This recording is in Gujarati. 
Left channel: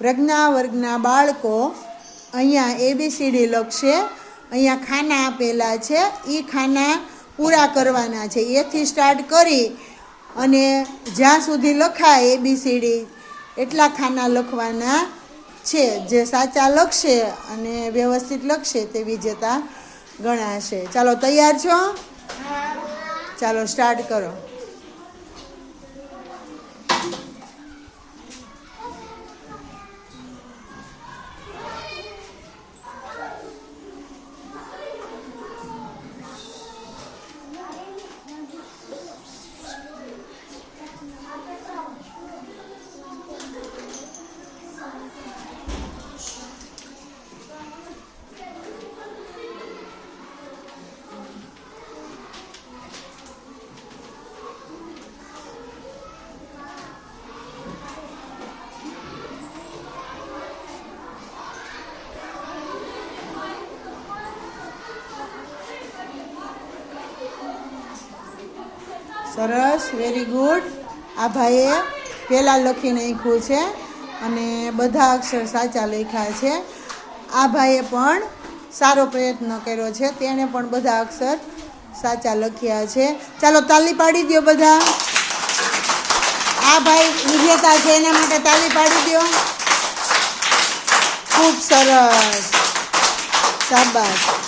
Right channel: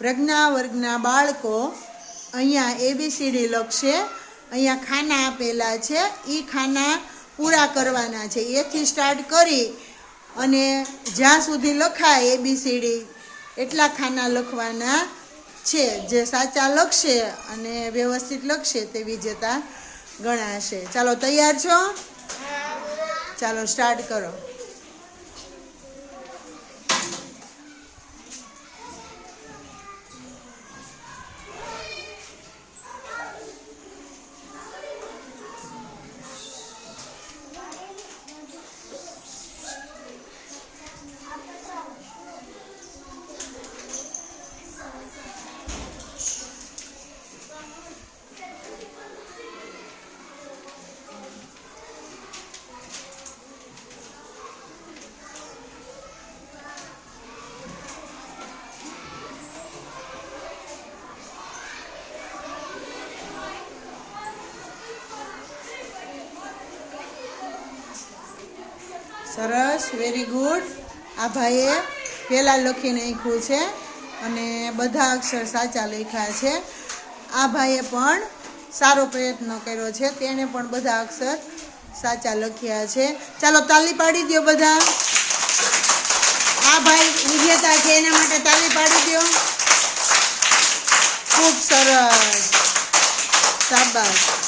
પ્રજ્ઞા વર્ગના બાળકો અહીંયા ABCD લખશે। અહીંયા ખાના આપેલા છે, એ ખાના પૂરા કરવાના છે। એથી સ્ટાર્ટ કરી અને જ્યાં સુધી લખાય ABCD એટલા ખાના લખવાના છે। જે સાચા લખશે અને વ્યવસ્થિત લખશે તે વિજેતા ગણાશે। ચાલો તૈયાર છો? ચાલો સ્ટાર્ટ કરો। સરસ, વેરી ગુડ। આ ભાઈએ પહેલાં લખી નાખ્યું છે અને બધા અક્ષર સાચા લખ્યા છે। આ ભાઈએ પણ સારો પ્રયત્ન કર્યો છે, તેણે પણ બધા અક્ષર સાચા લખ્યા છે। ચાલો તાલી પાડી દો બધા। આ ભાઈ વિજેતા છે, એના માટે તાલી પાડી દો। ખૂબ સરસ, શાબાશ।